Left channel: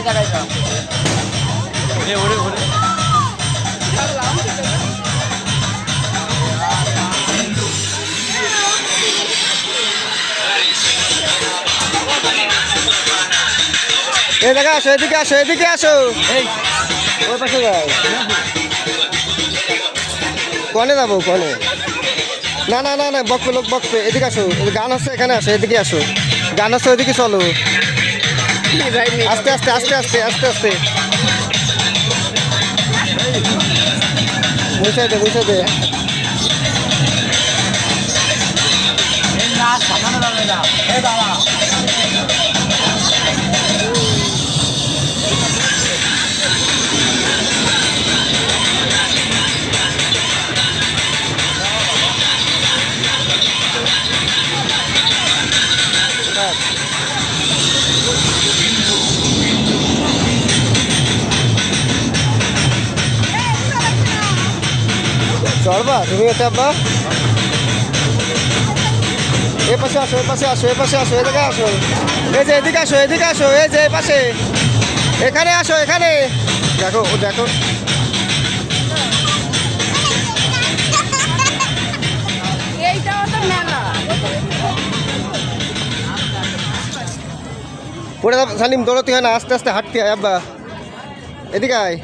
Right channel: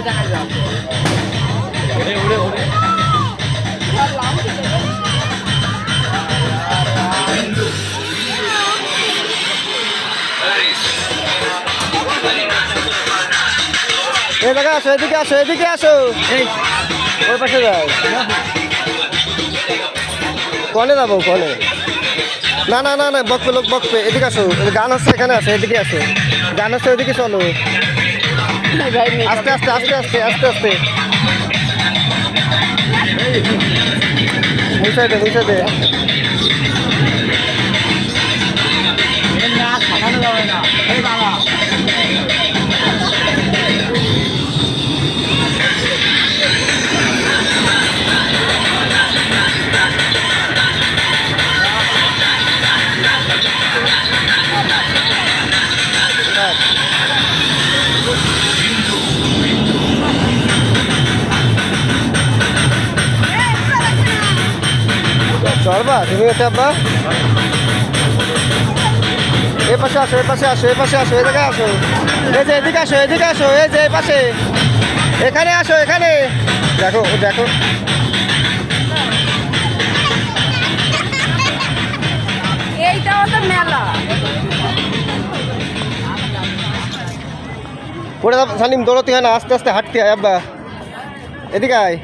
এই দেখা আসো, এদিকে আসো, এদিকে আসো, ওই পাশে যাই। কনে যাবো কনে? না না না না, বকবে লোক বকবে, এদিকে আসো, গান হচ্ছে এখানে আসো, এদিকে আসো, গান হচ্ছে ওইদিকে চলো, আস্তে আস্তে আস্তে আস্তে আস্তে আস্তে মুছাই দে মুছাই দে। চলবা তুমি এটা আব্বা, এ পাশে আসো, এ পাশে আসো, এ পাশে আসো, এ জায়গায় আসো, এই যে এদিকে আসো, এদিকে আসো, এই যে এই পাশে, এখানে আসো, এখানে দেখো, ও দেখো এইটাও তো মেলা। পড়ে সালিম দৌড়তে হয় না, আস্তে আস্তে হাঁটতে হয় আব্বা, এদিকে আয়।